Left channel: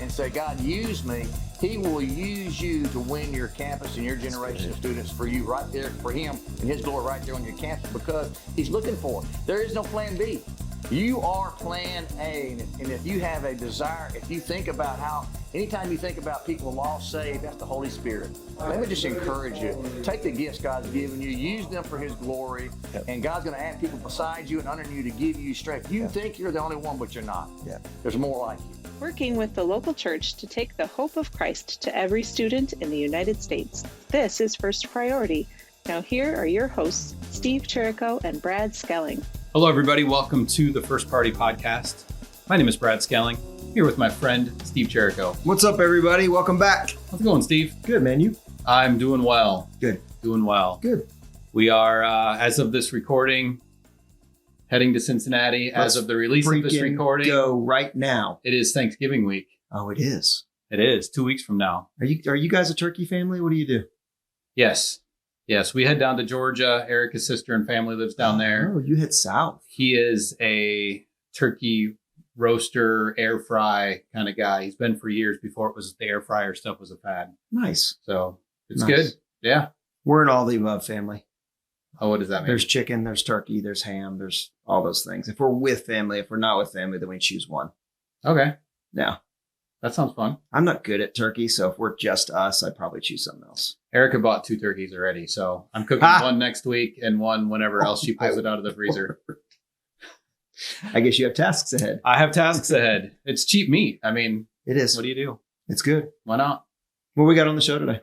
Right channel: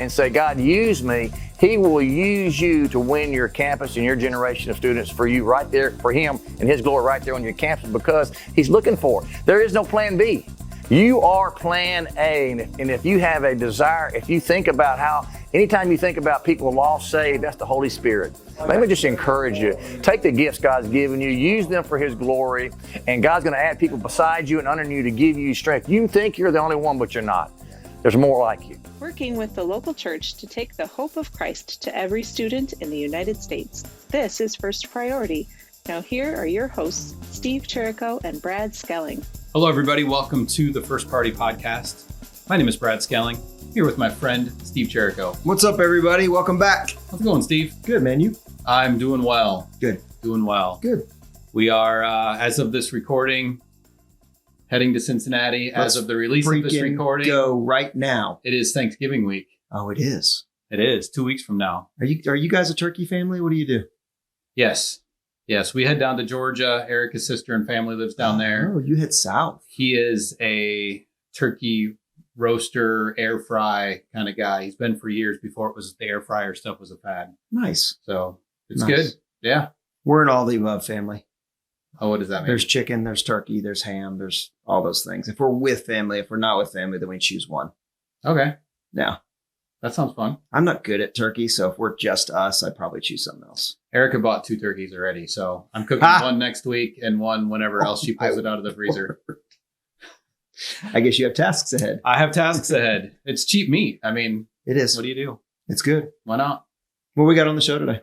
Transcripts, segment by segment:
and say, God, use me, He will use you to win your campus and your generation of students for you right there, for Him and His glory right there on your campus, because He's looking for it. There is no plan B. You are plan A, and if you have a desire, if you think about how, anytime you think about people lost, saved, that's the Holy Spirit. Let me just encourage you. Take the gifts God's given you, use them for His glory, and God's going to add people beside you and under you to give you strength. You think you're the only one, but you're not. There's more like you. Working with the local church to take the hope of Christ to every student in the United States. This is First Priority. Now here are your hosts, Steve Cherico and Brad Skelling. Hello, everybody. Welcome to the First Party Podcast. My name is Brad Skelling, here with my friend, Steve Cherico. What's up, everybody? Welcome back. How's it going, Steve? Good, man. You? I'm doing well. Good. Doing well. Good. We are, as of this recording, heading to Cincinnati. As of the release of this recording, go right now. It is Thanksgiving week. Oh, it is. It is 2 weeks from now. Are you guys a turkey family? What do you do? Yes. We head down to Georgia. Erica's sister and family lives down there. Oh, you head south. He is a turkey roaster, air fry kind of guy. He's been for years before it was the air fryer stuff was a fad. Nice. So it's Nice. good. Yeah. We're an all the above family. Oh, what does that mean? There's chicken, there's turkey, there's ham, there's all those things. If we're with family, if we're not with family, then we choose one. Okay. Yeah. That sounds fun. I'm not good at turkey, so if we're just us, I'd probably choose something else. Erica bought 2 turkeys already, so I'm cooking one next week and one whenever else she pulls it out of the freezer. I guess you have tasks ahead. I have tasks ahead. It's cheap meat. I mean, It is. what do you do? It's good. Why not? What we got on the show today?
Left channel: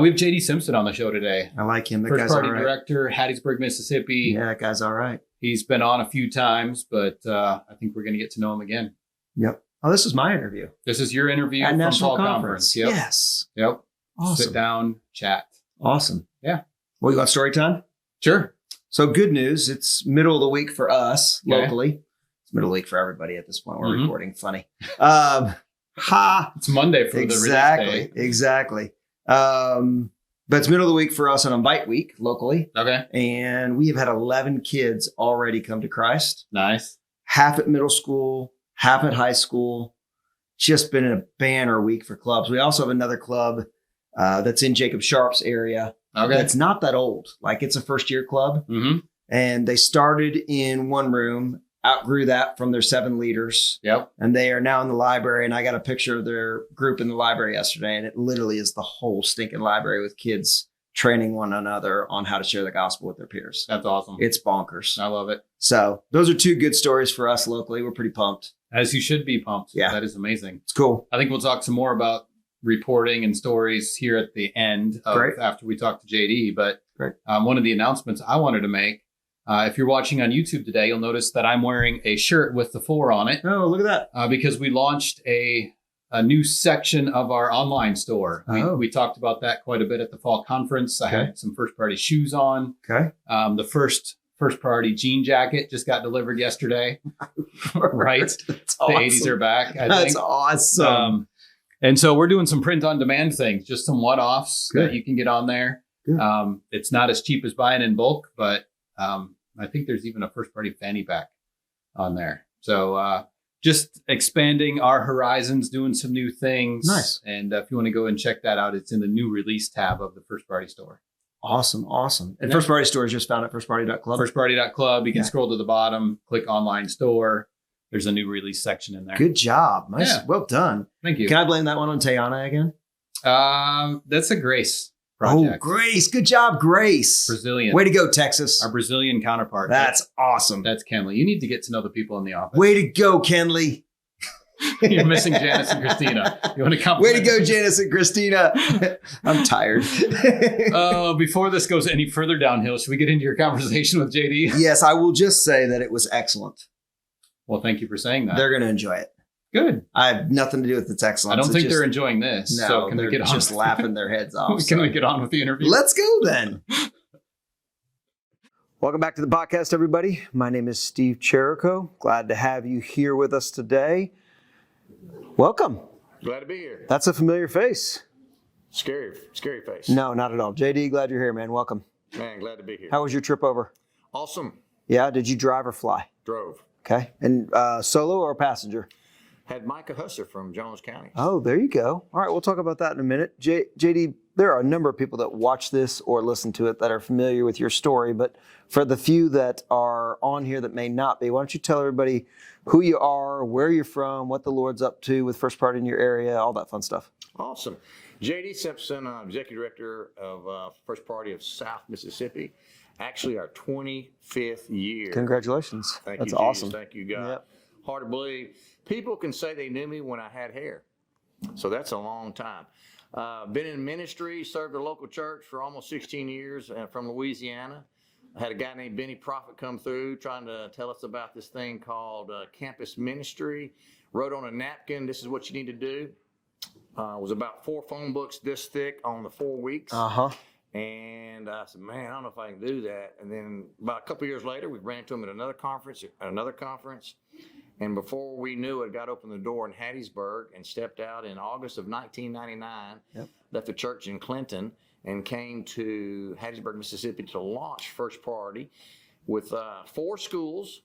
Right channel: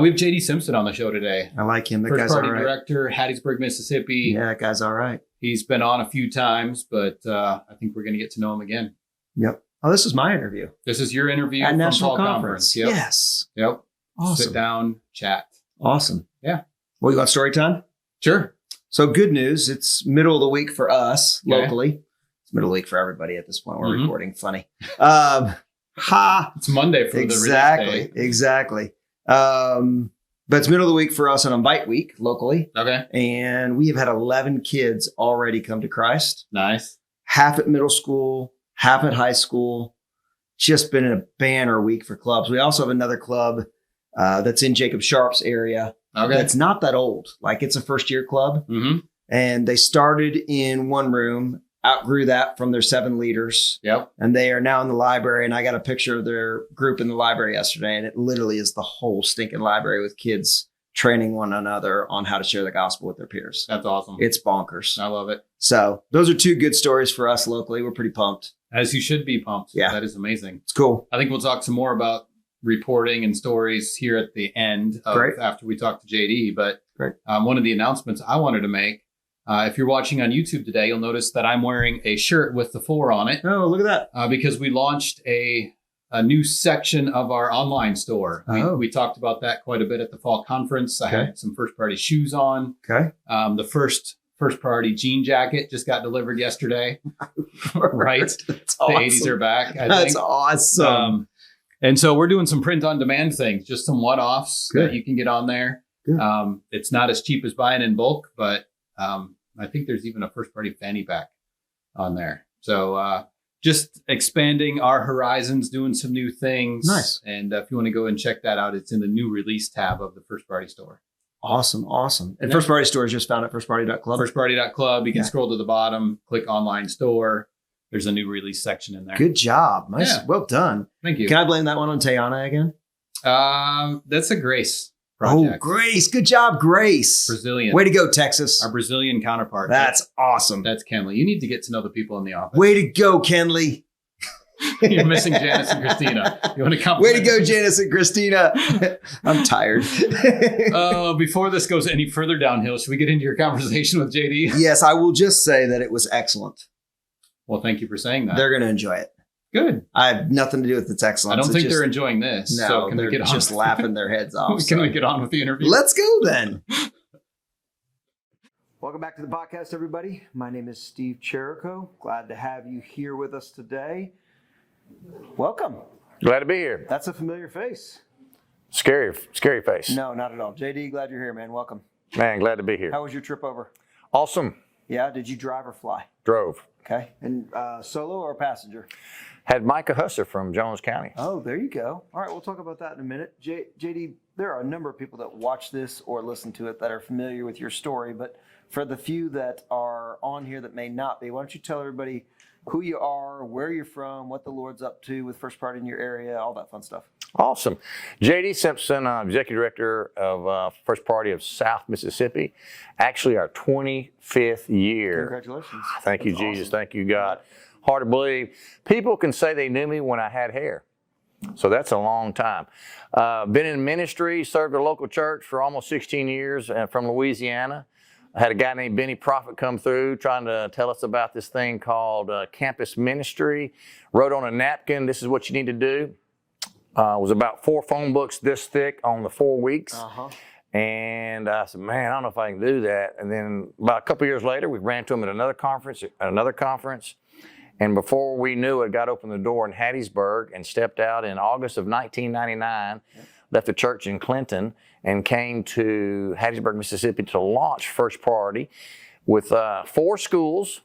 We have JD Simpson on the show today. I like him. That First guy's party all right. director, Hattiesburg, Mississippi. Yeah, that guy's all right. He's been on a few times, but I think we're going to get to know him again. Yep. Oh, this is my interview. This is your interview At from National Fall Conference. Yep. Yes. Yep. Awesome. Sit down, chat. Awesome. Yeah. Well, you want story time? Sure. So good news. It's middle of the week for us Okay. locally. It's middle of the week for everybody at this point. We're Mhm. recording. Funny. It's Monday for the release day. Exactly. But it's middle of the week for us on Invite Week locally. Okay. And we have had 11 kids already come to Christ. Nice. Half at middle school, half at high school. Just been a banner week for clubs. We also have another club that's in Jacob Sharp's area. Okay. That's not that old. Like, it's a first year club. Mm-hmm. And they started in one room, outgrew that from their 7 leaders. Yep. And they are now in the library. And I got a picture of their group in the library yesterday. And it literally is the whole stinking library with kids training one another on how to share the gospel with their peers. That's awesome. It's bonkers. I love it. So those are 2 good stories for us locally. We're pretty pumped. As you should be pumped. Yeah. That is amazing. It's cool. I think we'll talk some more about reporting and stories here at the end of Great. after we talk to JD. But Great. One of the announcements I wanted to make, if you're watching on YouTube today, you'll notice that I'm wearing a shirt with the 4 on it Oh, look at that. because we launched a new section of our online store. Oh. We talked about that quite a bit at the fall conference. I Okay. had some first party shoes on. Okay. The first party jean jacket just got delivered yesterday. Right. That's The 80s are back. I That's think. awesome. And so we're doing some print on demand things, just some one-offs Good. that you can get on there. Good. It's not as cheap as buying in bulk, but I think there's even a first party fanny pack on there. So just expanding our horizons, doing some new things. Nice. And if you want to go and check that out, it's in the new release tab of the first party store. Awesome. Awesome. And Yeah. First Party Store is just found at firstparty.club. Firstparty.club. You can Yeah. scroll to the bottom, click online store. There's a new release section in there. Good job. Nice. Yeah. Well done. Thank you. Can I blame that one on Tayana again? That's a Grace project. Oh, Grace. Good job, Grace. Brazilian. Way to go, Texas. Our Brazilian counterpart. That's awesome. That's Kenley. You need to get to know the people in the office. Way to go, Kenley. You're missing Janice and Christina. You want to come? Way to go, Janice and Christina. I'm tired. Before this goes any further downhill, should we get into your conversation with JD? Yes, I will just say that it was excellent. Well, thank you for saying that. They're going to enjoy it. Good. I have nothing to do with its excellence. I don't It's think just- they're enjoying this. No, so can they're we get on? just laughing their heads off. Can we so. get on with the interview? Let's go then. Welcome back to the podcast, everybody. My name is Steve Cherico. Glad to have you here with us today. Welcome. Glad to be here. That's a familiar face. Scary face. No, not at all. JD, glad you're here, man. Welcome. Man, glad to be here. How was your trip over? Awesome. Yeah, did you drive or fly? Drove. Okay. And solo or passenger? Had Micah Husser from Jones County. Oh, there you go. All right, we'll talk about that in a minute. JD, there are a number of people that watch this or listen to it that are familiar with your story, but for the few that are on here that may not be, why don't you tell everybody who you are, where you're from, what the Lord's up to with First Priority in your area, all that fun stuff. Awesome. JD Simpson, Executive Director of First Priority of South Mississippi. Actually, our 25th year. Congratulations. Thank you, That's Jesus. awesome. Thank you, God. Yep. Hard to believe. People can say they knew me when I had hair. So that's a long time. Been in ministry, served a local church for almost 16 years from Louisiana. I had a guy named Benny Prophet come through trying to tell us about this thing called campus ministry. Wrote on a napkin, this is what you need to do. It was about 4 phone books this thick on the 4 weeks. And I said, man, I don't know if I can do that. And then about a couple years later, we ran to him at another conference. And before we knew it, got opened the door in Hattiesburg and stepped out in August of 1999, left the church in Clinton and came to Hattiesburg, Mississippi to launch First Priority with 4 schools.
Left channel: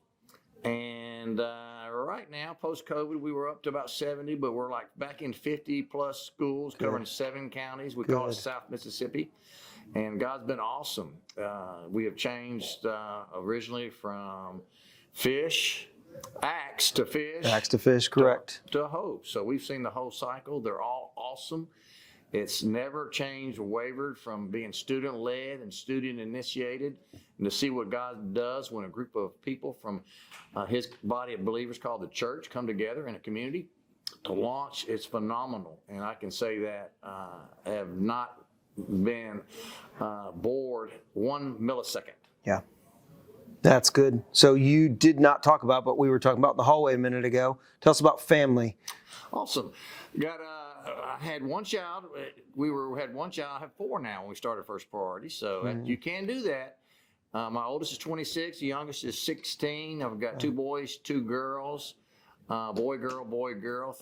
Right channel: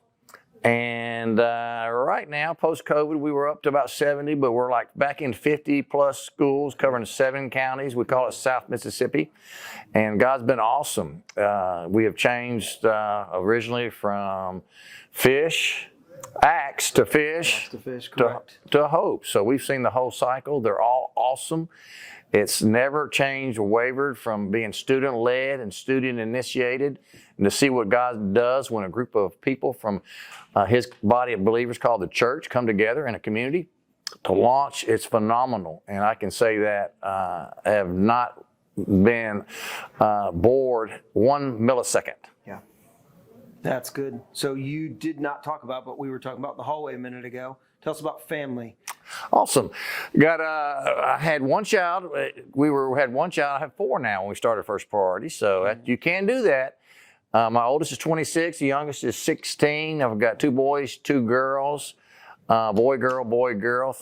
And right now, post-COVID, we were up to about 70, but we're like back in 50 plus schools covering 7 counties. We call it South Mississippi. And God's been awesome. We have changed originally from acts to fish, correct. To hope. So we've seen the whole cycle. They're all awesome. It's never changed or wavered from being student-led and student-initiated, and to see what God does when a group of people from His body of believers called the church come together in a community to launch, it's phenomenal. And I can say that I have not been bored 1 millisecond. Yeah. That's good. So you did not talk about what we were talking about in the hallway a minute ago. Tell us about family. Awesome. I had 1 child. Had 1 child. I have 4 now when we started First Priority. So you can do that. My oldest is 26. The youngest is 16. I've got 2 boys, 2 girls. Boy, girl.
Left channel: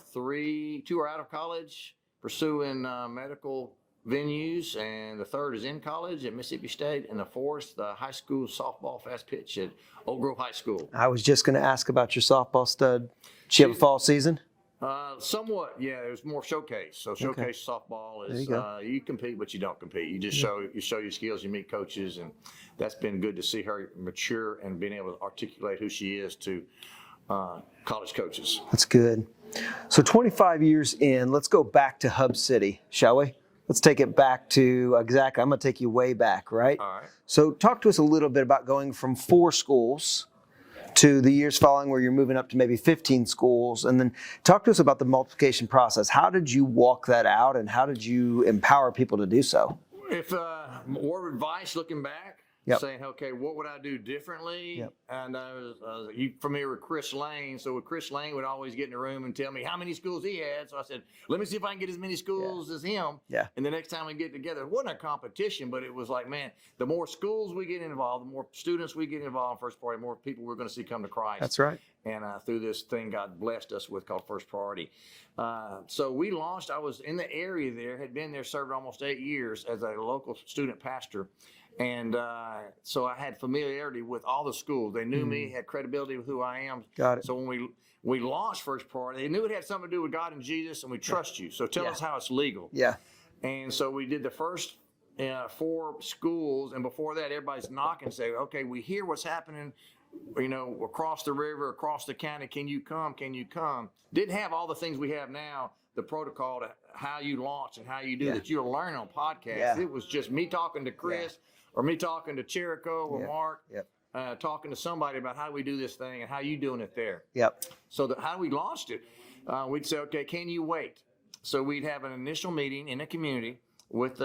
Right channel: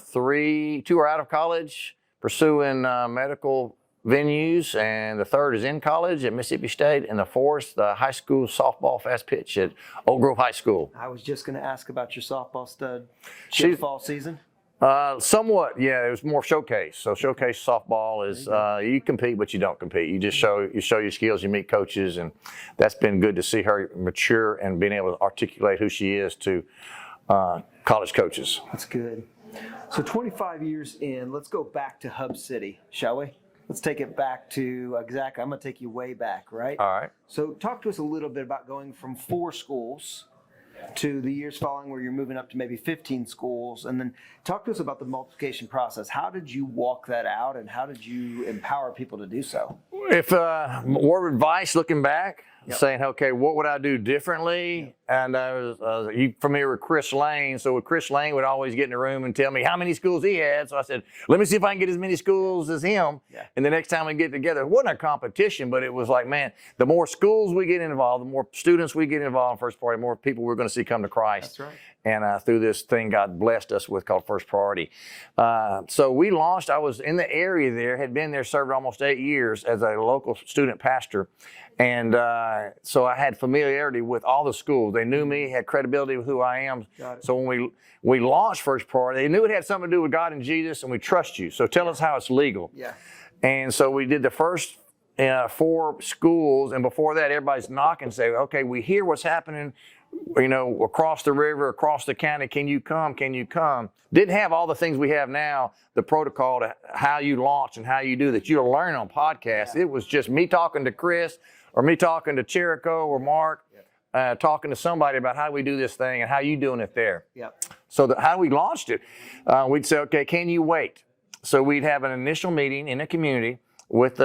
2 are out of college, pursuing medical venues, and the 3rd is in college at Mississippi State, and the 4th, the high school softball fast pitch at Oak Grove High School. I was just going to ask about your softball stud. Did you have a fall season? Somewhat, yeah. It was more showcase. So showcase softball is you compete, but you don't compete. You just show your skills. You meet coaches, and that's been good to see her mature and being able to articulate who she is to college coaches. That's good. So 25 years in, let's go back to Hub City, shall we? Let's take it back to exactly. I'm going to take you way back, right? All right. So talk to us a little bit about going from 4 schools to the years following where you're moving up to maybe 15 schools. And then talk to us about the multiplication process. How did you walk that out, and how did you empower people to do so? If word of advice looking back, saying, okay, what would I do differently? And I was you familiar with Chris Lane? So Chris Lane would always get in the room and tell me how many schools he had. So I said, let me see if I can get as many schools as him. And the next time we get together, it wasn't a competition, but it was like, man, the more schools we get involved, the more students we get involved in First Priority, the more people we're going to see come to Christ. That's right. And through this thing God blessed us with called First Priority. So we launched, I was in the area there, had been there, served almost 8 years as a local student pastor. And so I had familiarity with all the schools. They knew me, had credibility with who I am. Got it. So when we launched First Priority, they knew it had something to do with God and Jesus, and we trust you. So tell us how it's legal. And so we did the first 4 schools, and before that, everybody's knocking, say, okay, we hear what's happening, across the river, across the county. Can you come? Can you come? Didn't have all the things we have now, the protocol to how you launch and how you do that. You'll learn on podcasts. It was just me talking to Chris or me talking to Cherico or Mark, talking to somebody about how we do this thing and how you doing it there. So how we launched it, we'd say, okay, can you wait? So we'd have an initial meeting in a community with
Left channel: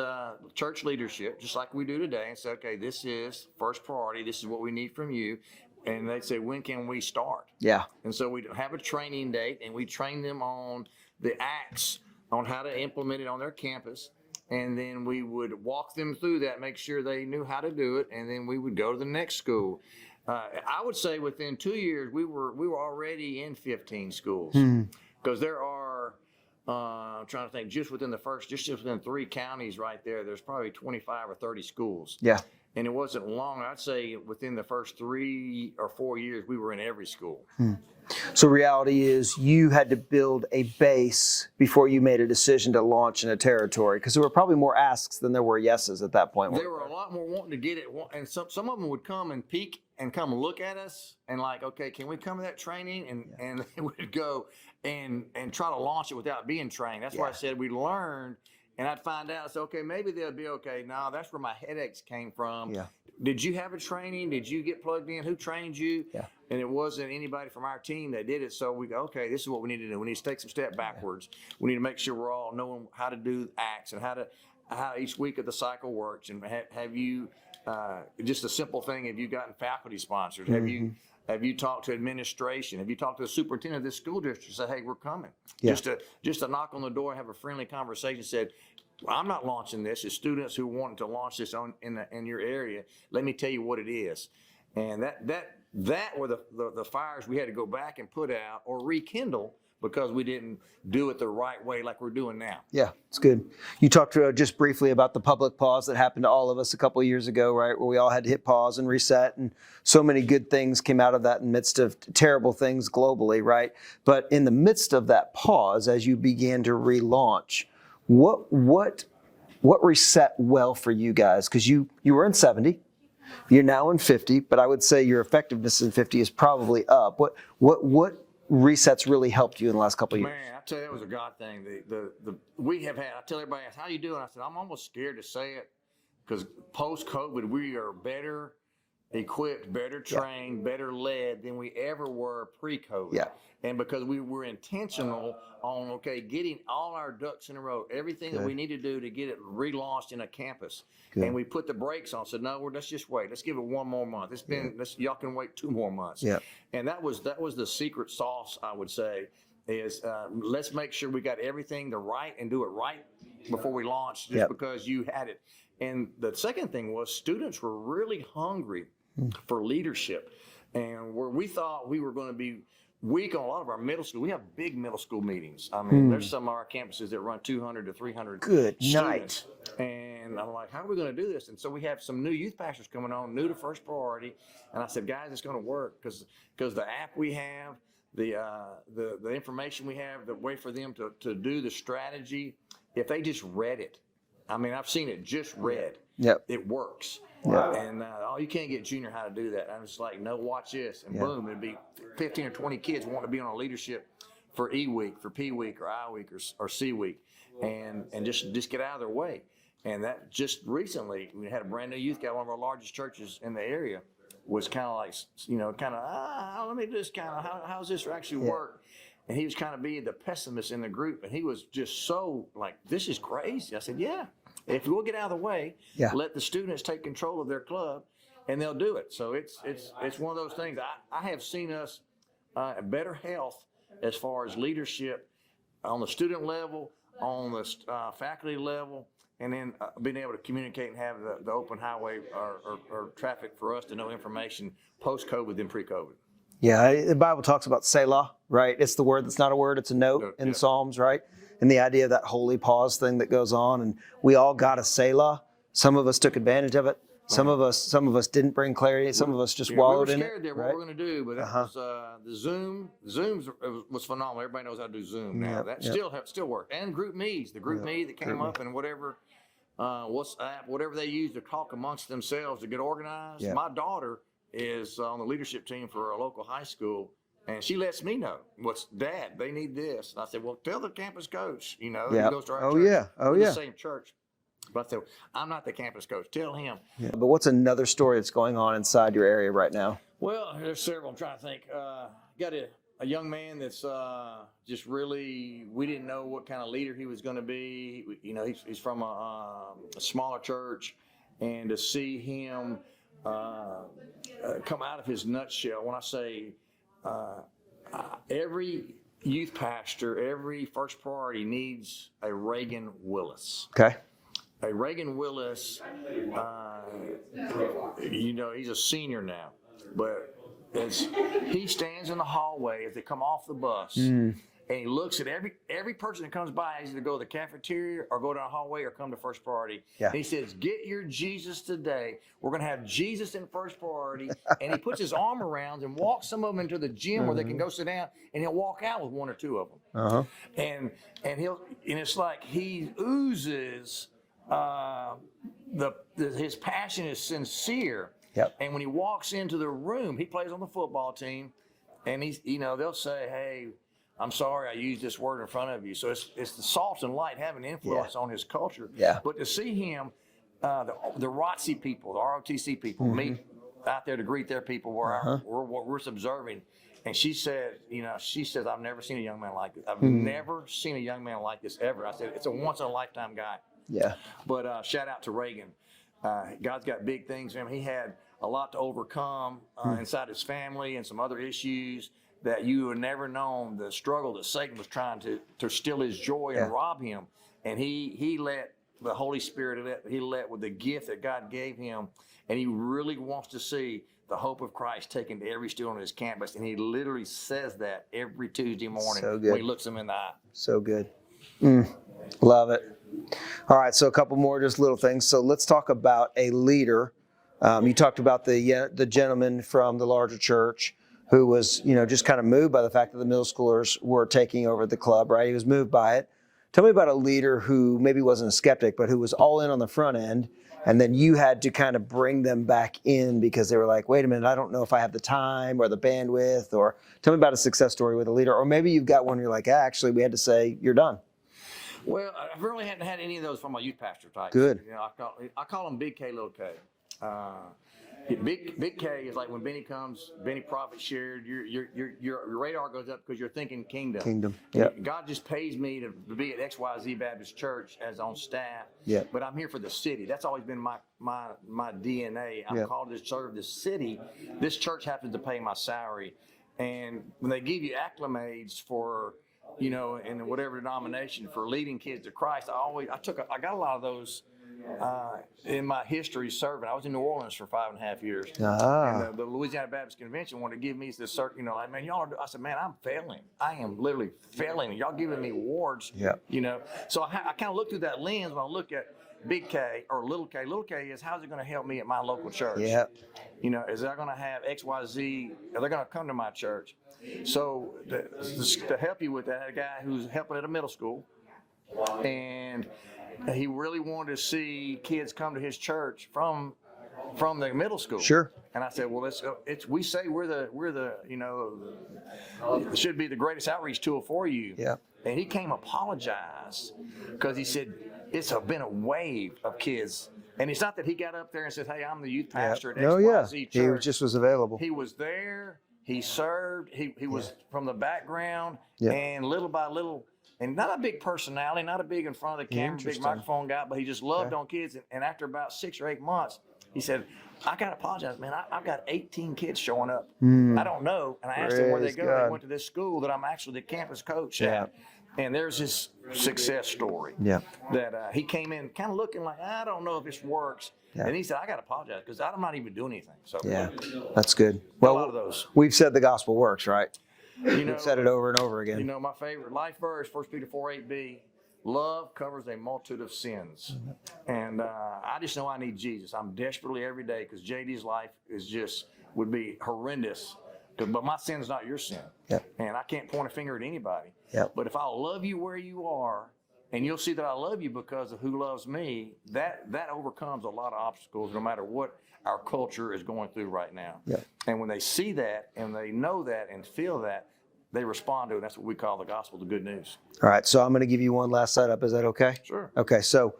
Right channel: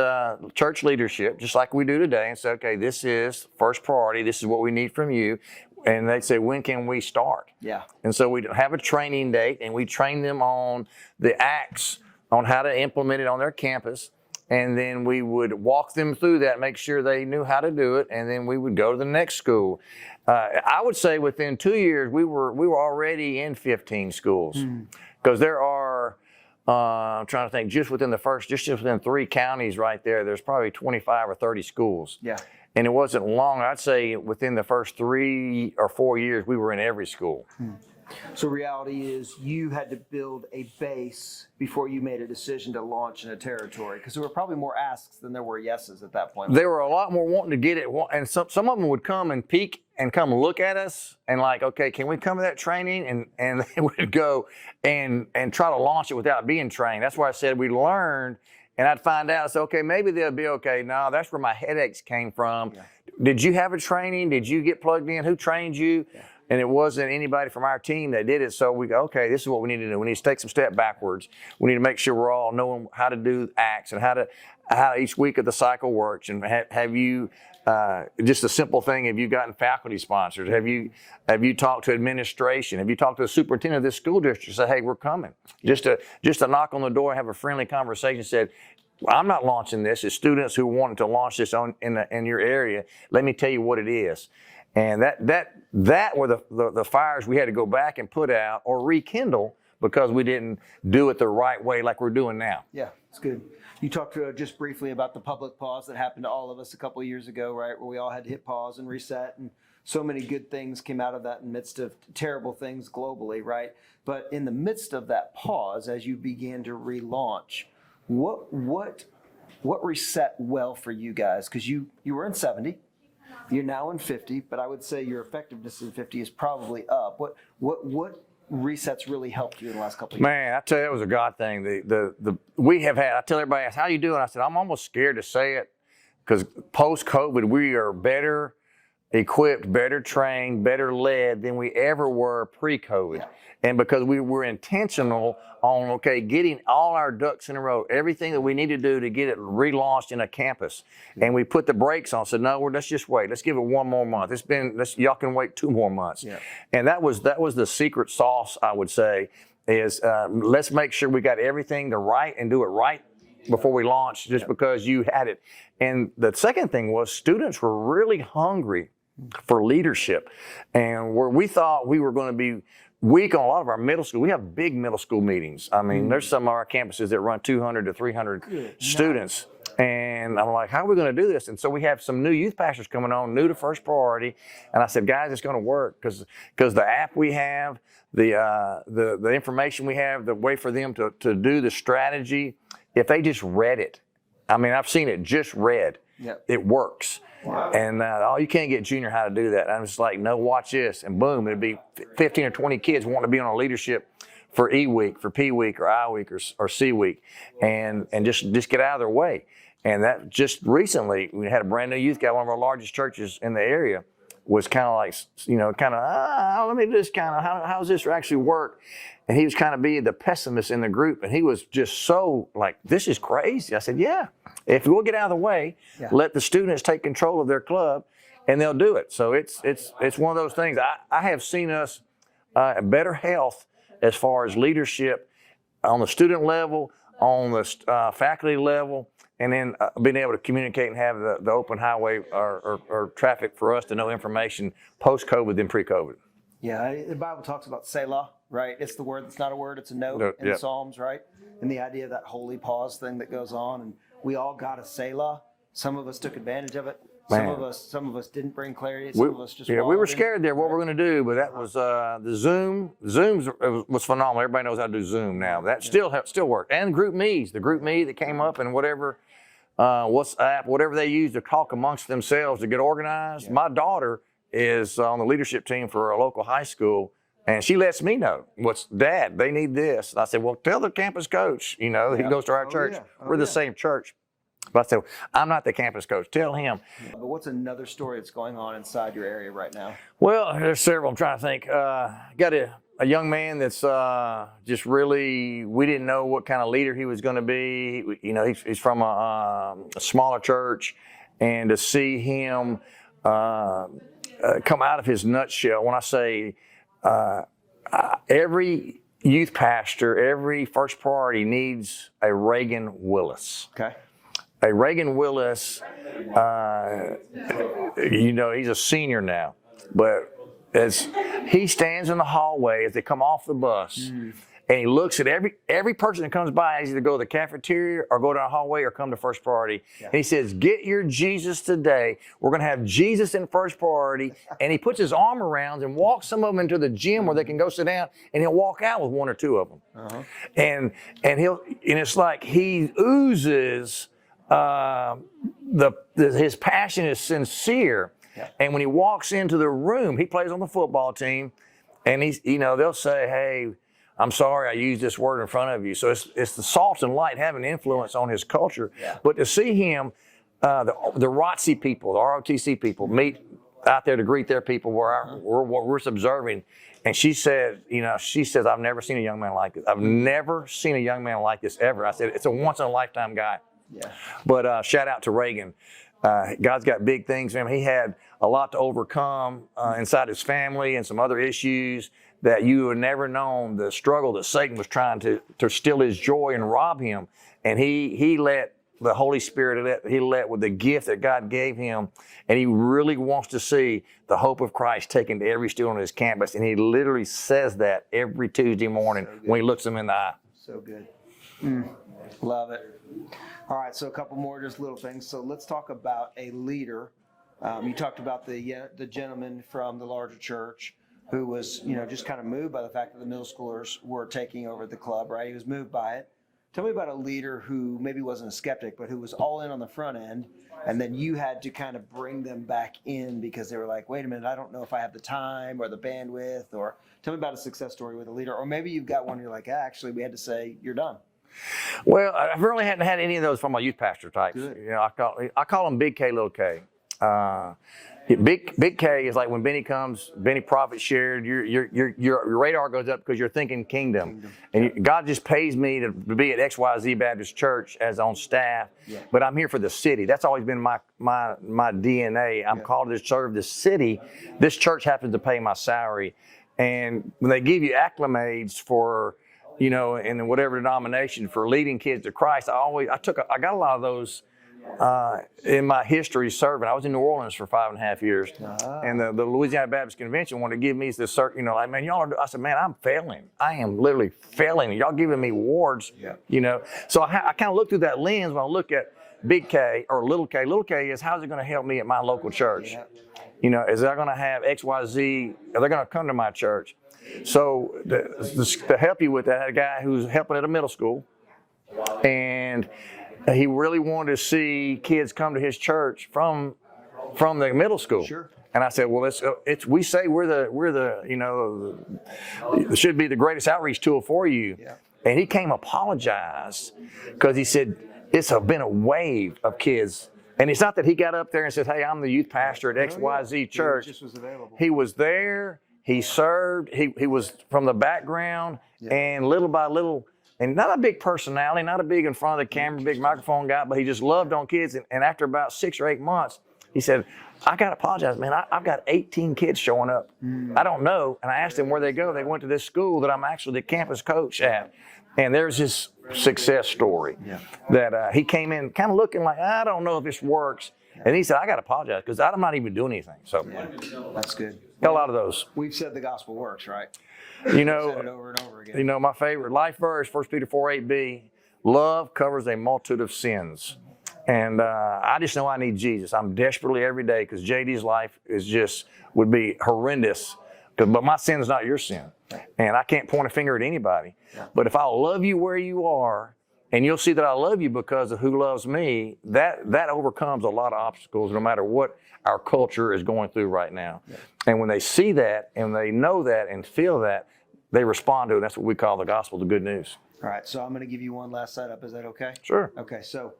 church leadership, just like we do today, and say, okay, this is First Priority. This is what we need from you. And they'd say, when can we start? And so we'd have a training date, and we train them on the acts on how to implement it on their campus. And then we would walk them through that, make sure they knew how to do it, and then we would go to the next school. I would say within 2 years, we were already in 15 schools, because there are, I'm trying to think, just within 3 counties right there, there's probably 25 or 30 schools. And it wasn't long. I'd say within the first 3 or 4 years, we were in every school. So reality is you had to build a base before you made a decision to launch in a territory, because there were probably more asks than there were yeses at that point. There were a lot more wanting to get it, and some of them would come and peek and come look at us and like, okay, can we come to that training? And they would go and try to launch it without being trained. That's why I said we learned, and I'd find out, so okay, maybe they'll be okay. No, that's where my headaches came from. Yeah. Did you have a training? Did you get plugged in? Who trained you? Yeah. And it wasn't anybody from our team that did it. So we go, okay, this is what we need to do. We need to take some step backwards. We need to make sure we're all knowing how to do acts and how each week of the cycle works. And have you, just a simple thing, have you gotten faculty sponsors? Mm-hmm. Have you talked to administration? Have you talked to the superintendent of this school district? Say, hey, we're coming. Yeah. Just to knock on the door and have a friendly conversation. Said, well, I'm not launching this. It's students who wanted to launch this in your area. Let me tell you what it is. And that were the fires we had to go back and put out or rekindle because we didn't do it the right way like we're doing now. Yeah, it's good. You talked just briefly about the public pause that happened to all of us a couple of years ago, right? Where we all had to hit pause and reset, and so many good things came out of that in the midst of terrible things globally, right? But in the midst of that pause, as you began to relaunch, what reset well for you guys? Because you were in 70. You're now in 50, but I would say your effectiveness in 50 is probably up. What resets really helped you in the last couple of years? Man, I tell you, that was a God thing. We have had, I tell everybody, how you doing? I said, I'm almost scared to say it because post-COVID, we are better equipped, better trained, better led than we ever were pre-COVID. Yeah. And because we were intentional on, okay, getting all our ducks in a row, everything that we need to do to get it relaunched in a campus. Yeah. And we put the brakes on, said, no, let's just wait. Let's give it one more month. Y'all can wait 2 more months. Yeah. And that was the secret sauce, I would say, is let's make sure we got everything right and do it right before we launch, just because you had it. And the second thing was students were really hungry for leadership. And where we thought we were going to be weak on a lot of our middle school, we have big middle school meetings. I mean, there's some of our campuses that run 200 to 300 students. And I'm like, how are we going to do this? And so we have some new youth pastors coming on, new to First Priority. And I said, guys, it's going to work because the app we have, the information we have, the way for them to do the strategy, if they just read it, I mean, I've seen it just read. Yep. It works. Wow. And you can't get junior how to do that. And I'm just like, no, watch this. And boom, it'd be 15 or 20 kids wanting to be on a leadership for E week, for P week, or I week, or C week, and just get out of their way. And that just recently, we had a brand new youth guy, one of our largest churches in the area, was kind of like, let me do this kind of, how does this actually work? And he was kind of being the pessimist in the group. And he was just so like, this is crazy. I said, yeah, if we'll get out of the way, let the students take control of their club, and they'll do it. So it's one of those things. I have seen us better health as far as leadership on the student level, on the faculty level, and then being able to communicate and have the open highway or traffic for us to know information post-COVID than pre-COVID. Yeah, the Bible talks about Selah, right? It's the word that's not a word, it's a note in the Psalms, right? And the idea of that holy pause thing that goes on, and we all got a Selah. Some of us took advantage of it. Man. Some of us didn't bring clarity. Some of us just wallowed. We were scared there what we're going to do, but that was the Zoom. Zoom was phenomenal. Everybody knows how to do Zoom now. That still worked. And Group Me's, the Group Me that came up, and whatever WhatsApp, whatever they use to talk amongst themselves to get organized. Yeah. My daughter is on the leadership team for a local high school, and she lets me know, Dad, they need this. And I said, well, tell the campus coach, he goes to our church. We're the same church. But I said, I'm not the campus coach. Tell him. Yeah. But what's another story that's going on inside your area right now? Well, there's several. I'm trying to think. Got a young man that's just really, we didn't know what kind of leader he was going to be. He's from a smaller church, and to see him come out of his nutshell, when I say every youth pastor, every First Priority needs a Reagan Willis. Okay. A Reagan Willis, he's a senior now, but as he stands in the hallway as they come off the bus, and and he looks at every person that comes by, has either go to the cafeteria or go down the hallway or come to first priority. Yeah. And he says, get your Jesus today. We're going to have Jesus in first priority. And he puts his arm around and walks some of them into the gym where they can go sit down, and he'll walk out with one or two of them. Uh-huh. And it's like he oozes his passion is sincere. Yep. And when he walks into the room, he plays on the football team, and they'll say, hey, I'm sorry I used this word in front of you. So it's the salt and light having influence on his culture. Yeah. But to see him, the ROTC people, the ROTC people meet out there to greet their people where we're observing. And she says, I've never seen a young man like this. I've never seen a young man like this ever. I said, it's a once in a lifetime guy. Yeah. But shout out to Reagan. God's got big things for him. He had a lot to overcome inside his family and some other issues that you would never known, the struggle that Satan was trying to steal his joy and rob him. And he let the Holy Spirit, he let with the gift that God gave him. And he really wants to see the hope of Christ taken to every student on his campus. And he literally says that every Tuesday morning when he looks them in the eye. So good. Love it. All right, so a couple more just little things. So let's talk about a leader. You talked about the gentleman from the larger church who was, just kind of moved by the fact that the middle schoolers were taking over the club, right? He was moved by it. Tell me about a leader who maybe wasn't a skeptic, but who was all in on the front end, and then you had to kind of bring them back in because they were like, wait a minute, I don't know if I have the time or the bandwidth. Or tell me about a success story with a leader. Or maybe you've got one where you're like, actually, we had to say, you're done. Well, I really hadn't had any of those from my youth pastor types. Good. I call them Big K, Little K. Big K is like when Benny comes, Benny Prophet shared, your radar goes up because you're thinking kingdom. And God just pays me to be at XYZ Baptist Church as on staff, but I'm here for the city. That's always been my DNA. I'm called to serve the city. This church happens to pay my salary. And when they give you acclimates for, in whatever denomination for leading kids to Christ, I got a lot of those in my history serving. I was in New Orleans for 5.5 years, and the Louisiana Baptist Convention wanted to give me this certain, like, man, y'all are. I said, man, I'm failing. I am literally failing. Y'all giving me awards, So I kind of look through that lens when I look at Big K or Little K. Little K is, how's it going to help me at my local church? Is that going to have XYZ? Are they going to come to my church? So to help you with that, I had a guy who's helping at a middle school, and he really wanted to see kids come to his church from the middle school. Sure. And I said, well, we say we're it should be the greatest outreach tool for you. Yeah. And he came apologized because he said it's been a wave of kids. And it's not that he got up there and said, hey, I'm the youth pastor at XYZ church. He just was available. He was there. He served. He was from the background, and little by little. And not a big personality, not a big in front of the camera, big microphone guy, but he just loved on kids. And after about 6 or 8 months, he said, I got to apologize, man. I've got 18 kids showing up. I don't know. And I asked them where they go. They went to this school that I'm actually the campus coach at. And there's this success story that he came in kind of looking like, I don't know if this works. And he said, I got to apologize because I'm not even doing anything. So that's good. Got a lot of those. We've said the gospel works, right? We've said it over and over again. My favorite life verse, 1 Peter 4:8b, love covers a multitude of sins. And I just know I need Jesus. I'm desperately every day because JD's life would be horrendous. But my sin is not your sin. And I can't point a finger at anybody. But if I love you where you are, and you'll see that I love you because of who loves me, that overcomes a lot of obstacles no matter what our culture is going through right now. And when they see that and they know that and feel that, they respond to it. That's what we call the gospel, the good news. All right, so I'm going to give you one last setup. Is that okay? Sure. Okay, so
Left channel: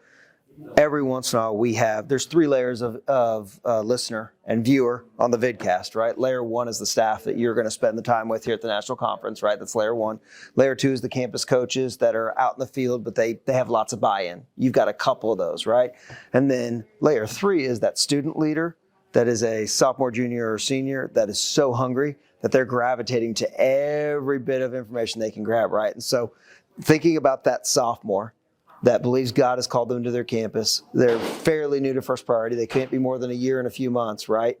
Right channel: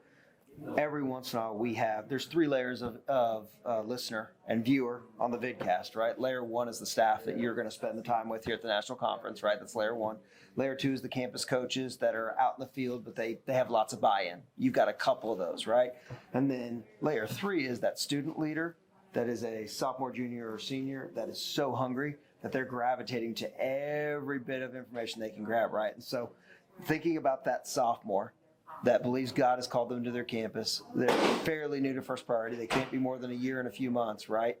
every once in a while there's 3 layers of listener and viewer on the vidcast, right? Layer 1 is the staff that you're going to spend the time with here at the national conference, right? That's layer 1. Layer 2 is the campus coaches that are out in the field, but they have lots of buy-in. You've got a couple of those, right? And then layer 3 is that student leader that is a sophomore, junior, or senior that is so hungry that they're gravitating to every bit of information they can grab, right? And so thinking about that sophomore that believes God has called them to their campus, they're fairly new to First Priority. They can't be more than a year and a few months, right?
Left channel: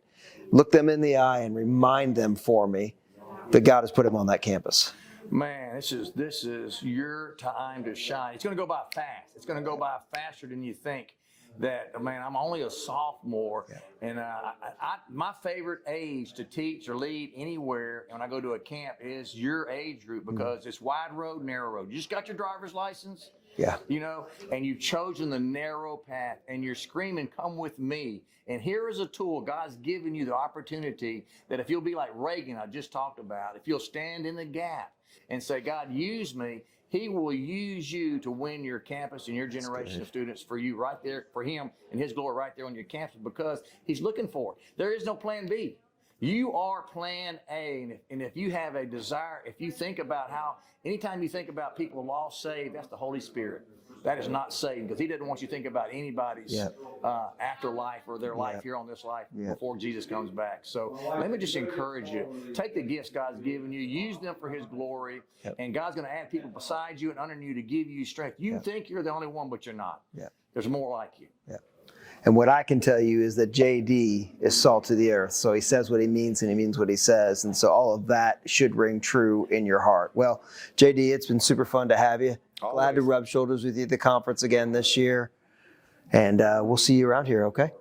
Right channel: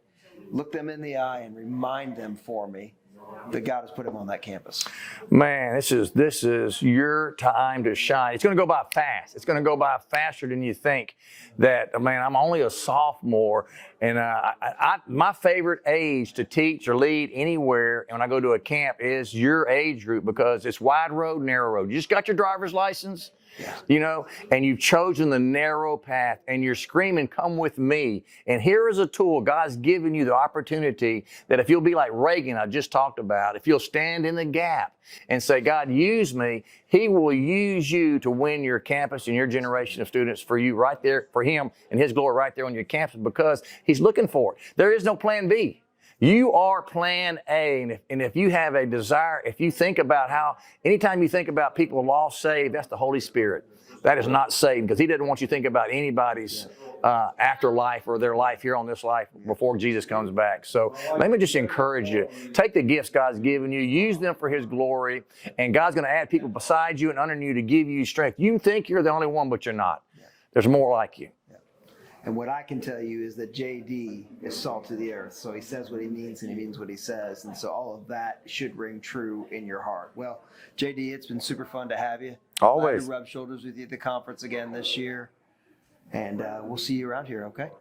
Look them in the eye and remind them for me that God has put him on that campus? Man, this is your time to shine. It's going to go by fast. It's going to go by faster than you think. That, man, I'm only a sophomore, and my favorite age to teach or lead anywhere when I go to a camp is your age group, because it's wide road, narrow road. You just got your driver's license. Yeah. You know, and you've chosen the narrow path, and you're screaming, come with me. And here is a tool. God's given you the opportunity that if you'll be like Reagan, I just talked about, if you'll stand in the gap and say, God, use me, he will use you to win your campus and your generation of students for you right there, for him and his glory right there on your campus, because he's looking for it. There is no plan B. You are plan A. And if you have a desire, if you think about how, anytime you think about people lost, saved, that's the Holy Spirit. That is not Satan, because he doesn't want you to think about anybody's afterlife or their life here on this life before Jesus comes back. So let me just encourage you. Take the gifts God's given you, use them for his glory, and God's going to add people beside you and under you to give you strength. You think you're the only one, but you're not. There's more like you. And what I can tell you is that JD is salt to the earth. So he says what he means and he means what he says. And so all of that should ring true in your heart. Well, JD, it's been super fun to have you. Always. Glad to rub shoulders with you at the conference again this year. And we'll see you around here, okay?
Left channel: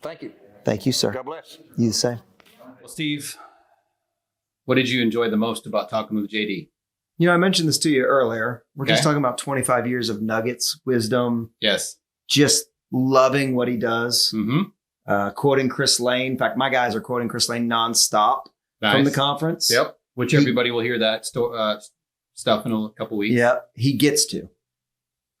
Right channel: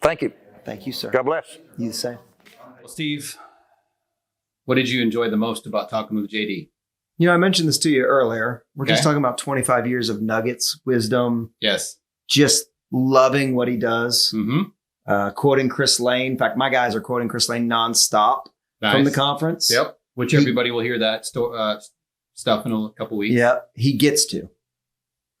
Thank you. Thank you, sir. God bless. You the same. Well, Steve, what did you enjoy the most about talking with JD? You know, I mentioned this to you earlier. We're Okay. just talking about 25 years of nuggets, wisdom, Yes. just loving what he does. Mm-hmm. Quoting Chris Lane. In fact, my guys are quoting Chris Lane nonstop from the conference. Yep. Which everybody will hear that stuff in a couple weeks. Yeah, he gets to.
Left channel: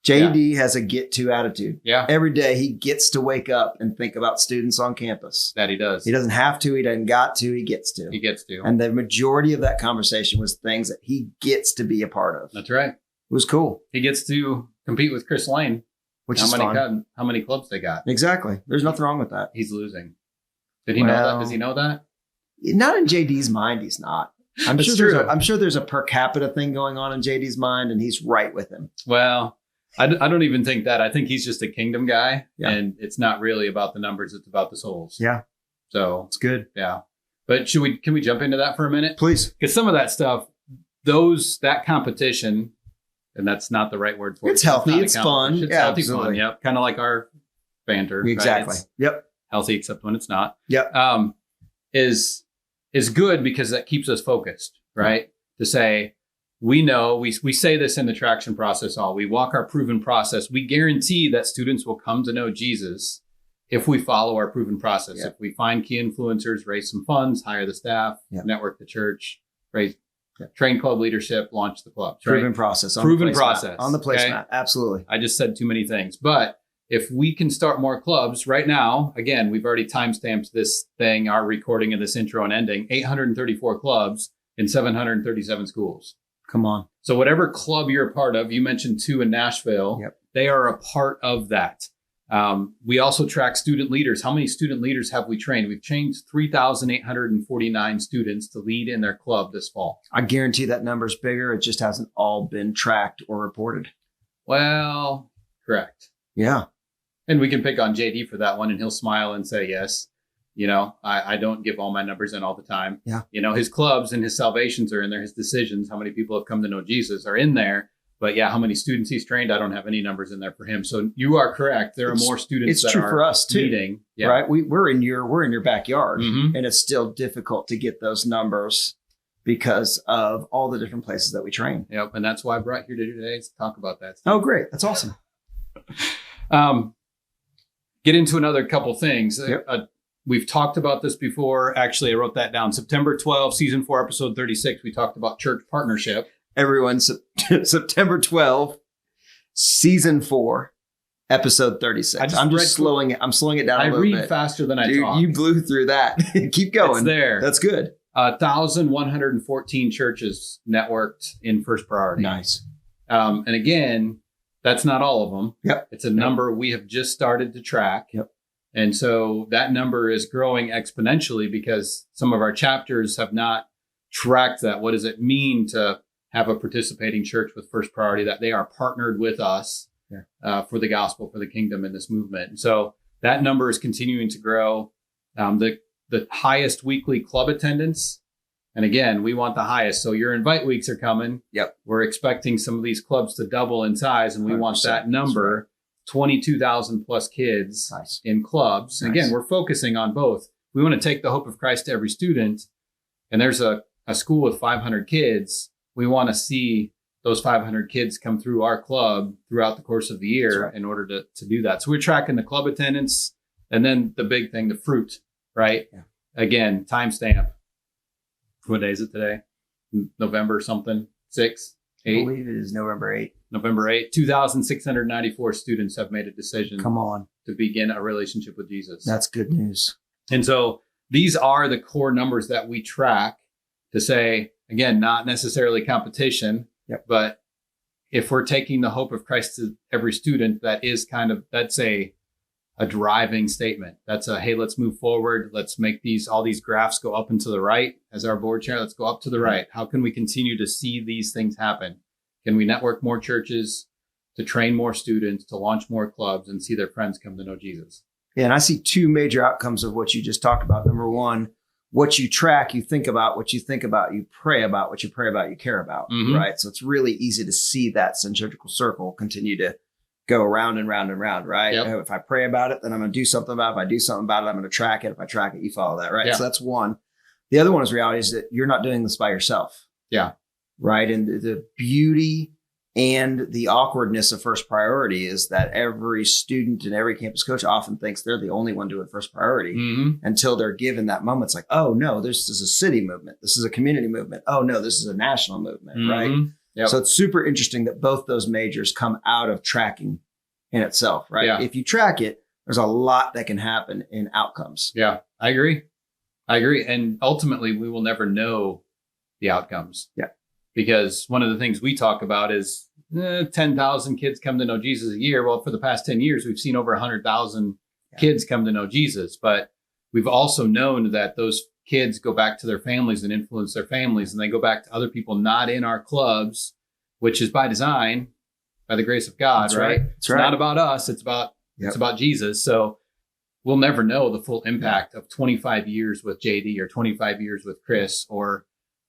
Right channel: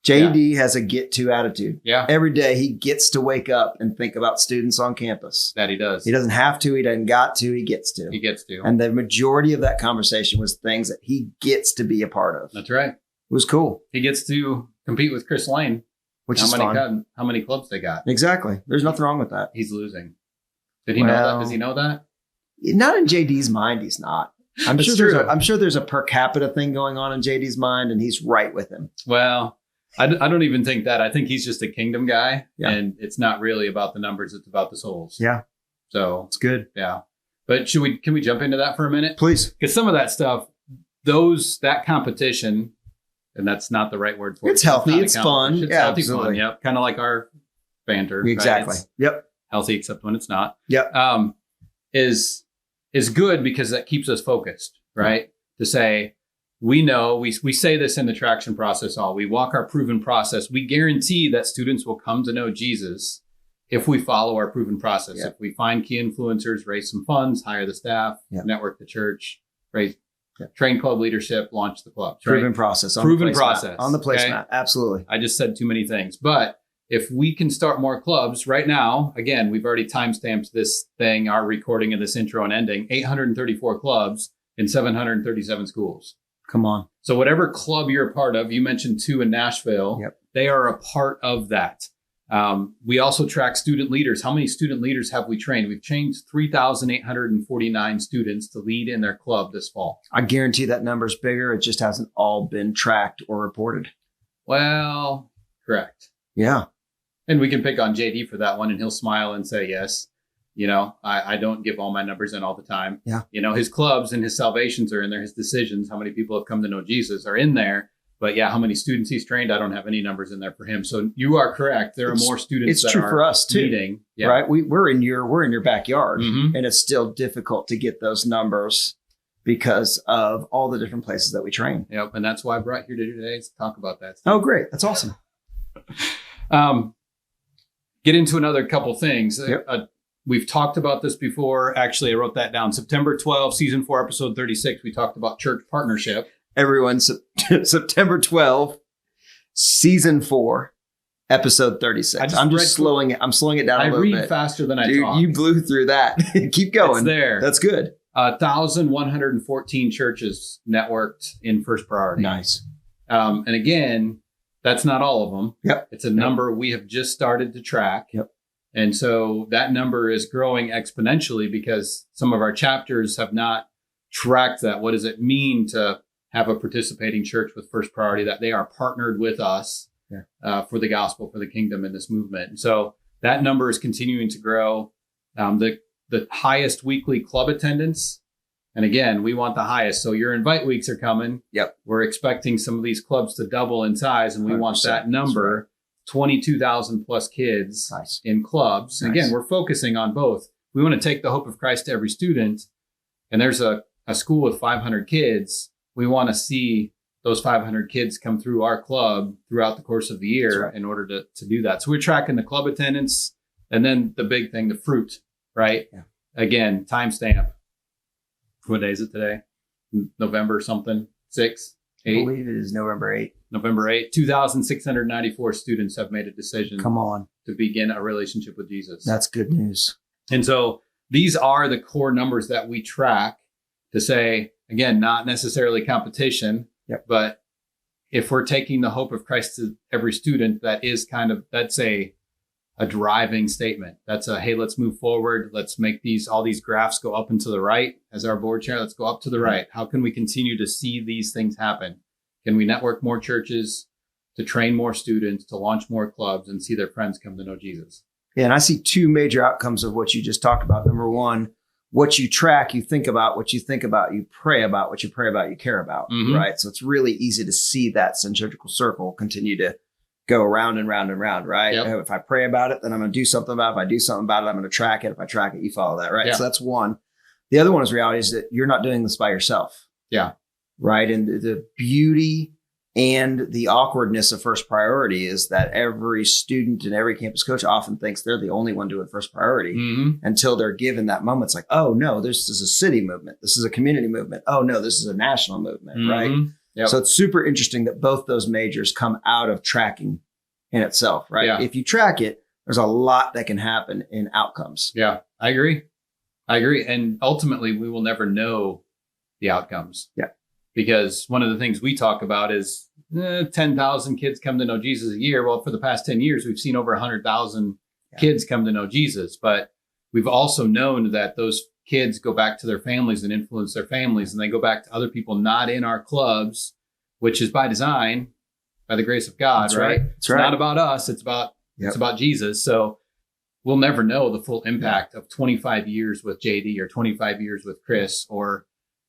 JD has a get to attitude. Yeah. Every day he gets to wake up and think about students on campus. That he does. He doesn't have to, he doesn't got to, he gets to. He gets to. And the majority of that conversation was things that he gets to be a part of. That's right. It was cool. He gets to compete with Chris Lane. Which is fun. How many clubs they got? Exactly. There's nothing wrong with that. He's losing. Did he know that? Does he know that? Not in JD's mind, he's not. I'm sure there's a per capita thing going on in JD's mind, and he's right with him. Well, I don't even think that. I think he's just a kingdom guy, Yeah. and it's not really about the numbers. It's about the souls. Yeah. So It's good. yeah. But can we jump into that for a minute? Please. Because some of that stuff, that competition, and that's not the right word for it. It's healthy. not a It's competition. fun. It's Yeah, healthy absolutely. fun. Yep. Kind of like our banter. right? Exactly. It's Yep. healthy, except when it's not. Yep. Is good because that keeps us focused, right? To say, we know, we say this in the traction process we walk our proven process. We guarantee that students will come to know Jesus if we follow our proven process. Yeah. If we find key influencers, raise some funds, hire the staff, Yeah. network the church, train club leadership, launch the clubs. Right? Proven process. Proven process. On the placemat. Okay? Absolutely. I just said too many things, but if we can start more clubs right now, again, we've already timestamped this thing, our recording of this intro and ending, 834 clubs in 737 schools. Come on. So whatever club you're a part of, you mentioned 2 in Nashville, Yep. They are a part of that. We also track student leaders. How many student leaders have we trained? We've trained 3,849 students to lead in their club this fall. I guarantee that number's bigger. It just hasn't all been tracked or reported. Well, correct. Yeah. And we can pick on JD for that one, and he'll smile and say, yes, I don't give all my numbers in all the time. Yeah. His clubs and his salvations are in there. His decisions, how many people have come to know Jesus are in there. But yeah, how many students he's trained, I don't have any numbers in there for him. So you are correct. There are more students It's that true for us too, leading. Yeah. right? We're in your backyard, Mhm. and it's still difficult to get those numbers because of all the different places that we train. Yep. And that's why I brought you here today to talk about that. Oh, great. That's awesome. Get into another couple things. Yep. We've talked about this before. Actually, I wrote that down. September 12, season 4, episode 36. We talked about church partnership. Everyone, September 12th, season 4, episode 36. I'm slowing it down a little bit. I read faster than I Dude, talk. you blew through that. Keep going. It's there. That's good. 1,114 churches networked in First Priority. Nice. And again, that's not all of them. Yep. It's a number we have just started to track. Yep. And so that number is growing exponentially because some of our chapters have not tracked that. What does it mean to have a participating church with First Priority, that they are partnered with us for the gospel, for the kingdom in this movement? And so that number is continuing to grow. The highest weekly club attendance And again, we want the highest. So your invite weeks are coming. Yep. We're expecting some of these clubs to double in size, and we want that number, 22,000 plus kids in clubs. And again, we're focusing on both. We want to take the hope of Christ to every student. And there's a school with 500 kids. We want to see those 500 kids come through our club throughout the course of the year in order to do that. So we're tracking the club attendance, and then the big thing, the fruit, right? Yeah. Again, timestamp. What day is it today? November something, 6, 8? I believe it is November 8th. November 8th. 2,694 students have made a decision to begin a relationship with Jesus. That's good news. And so these are the core numbers that we track to say, again, not necessarily competition, but if we're taking the hope of Christ to every student, that's a driving statement. That's hey, let's move forward. Let's make all these graphs go up and to the right. As our board chair, let's go up to the right. How can we continue to see these things happen? Can we network more churches, to train more students, to launch more clubs, and see their friends come to know Jesus? Yeah, and I see two major outcomes of what you just talked about. Number one, what you track, you think about. What you think about, you pray about. What you pray about, you care about, right? So it's really easy to see that centrifugal circle continue to go around and round and round, right? Yep. If I pray about it, then I'm going to do something about it. If I do something about it, I'm going to track it. If I track it, you follow that, right? Yeah. So that's one. The other one is reality is that you're not doing this by yourself. Yeah. Right. And the beauty and the awkwardness of first priority is that every student and every campus coach often thinks they're the only one doing first priority until they're given that moment. It's like, oh no, this is a city movement. This is a community movement. Oh no, this is a national movement. Right. Yep. So it's super interesting that both those majors come out of tracking in itself. Right. Yeah. If you track it, there's a lot that can happen in outcomes. Yeah, I agree. And ultimately we will never know the outcomes. Yeah. Because one of the things we talk about is 10,000 kids come to know Jesus a year. Well, for the past 10 years, we've seen over 100,000 kids come to know Jesus. But we've also known that those kids go back to their families and influence their families. And they go back to other people not in our clubs, which is by design, by the grace of God. That's right? It's not about us. It's about Jesus. So we'll never know the full impact of 25 years with JD or 25 years with Chris or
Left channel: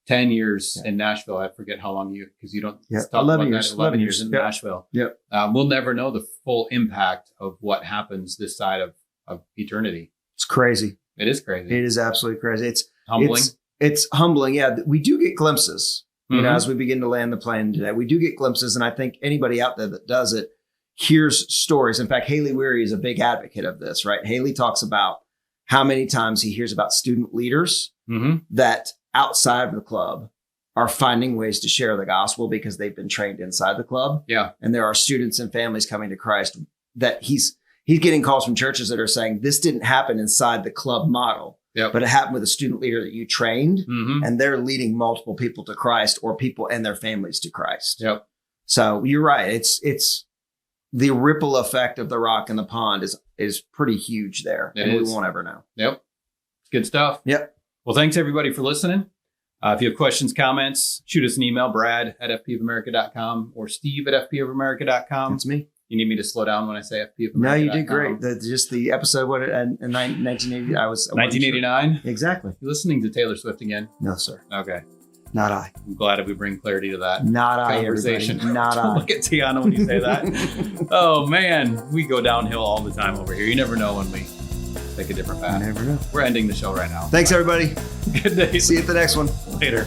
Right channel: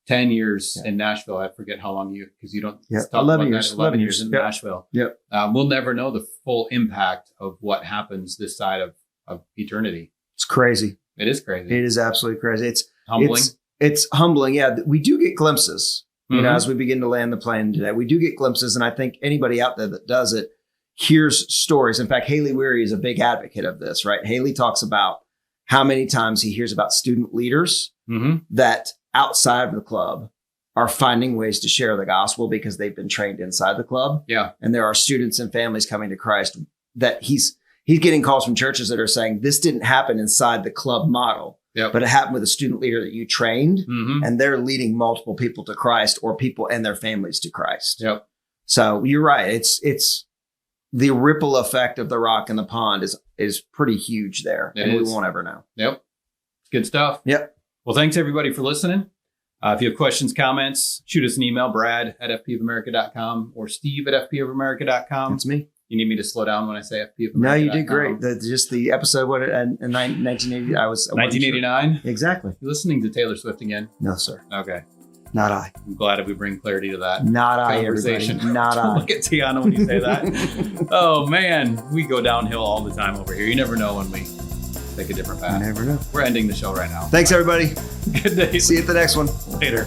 10 years in Nashville. I forget how long because you don't talk 11 about years. that. 11 years in Nashville. Yep. We'll never know the full impact of what happens this side of eternity. It's crazy. It is crazy. It is absolutely crazy. It's humbling. It's humbling. Yeah. We do get glimpses, you know, as we begin to land the plane today, we do get glimpses. And I think anybody out there that does it hears stories. In fact, Haley Weary is a big advocate of this, right? Haley talks about how many times he hears about student leaders that outside of the club are finding ways to share the gospel because they've been trained inside the club. Yeah. And there are students and families coming to Christ that he's getting calls from churches that are saying this didn't happen inside the club model, but it happened with a student leader that you trained and they're leading multiple people to Christ or people and their families to Christ. Yep. So you're right. It's the ripple effect of the rock in the pond is pretty huge there. We won't ever know. Yep. Good stuff. Yep. Well, thanks everybody for listening. If you have questions, comments, shoot us an email, brad@fpofamerica.com or steve@fpofamerica.com. That's me. You need me to slow down when I say fpofamerica.com? No, you did great. Just the episode, in 1980, I was... 1989? Sure. Exactly. You listening to Taylor Swift again? No, sir. Okay. Not I. I'm glad if we bring clarity to that conversation. Not I. Look at Tiana when you say that. Oh, man. We go downhill all the time over here. You never know when we take a different path. You never know. We're ending the show right now. Thanks, everybody. Good day. See you at the next one. Later.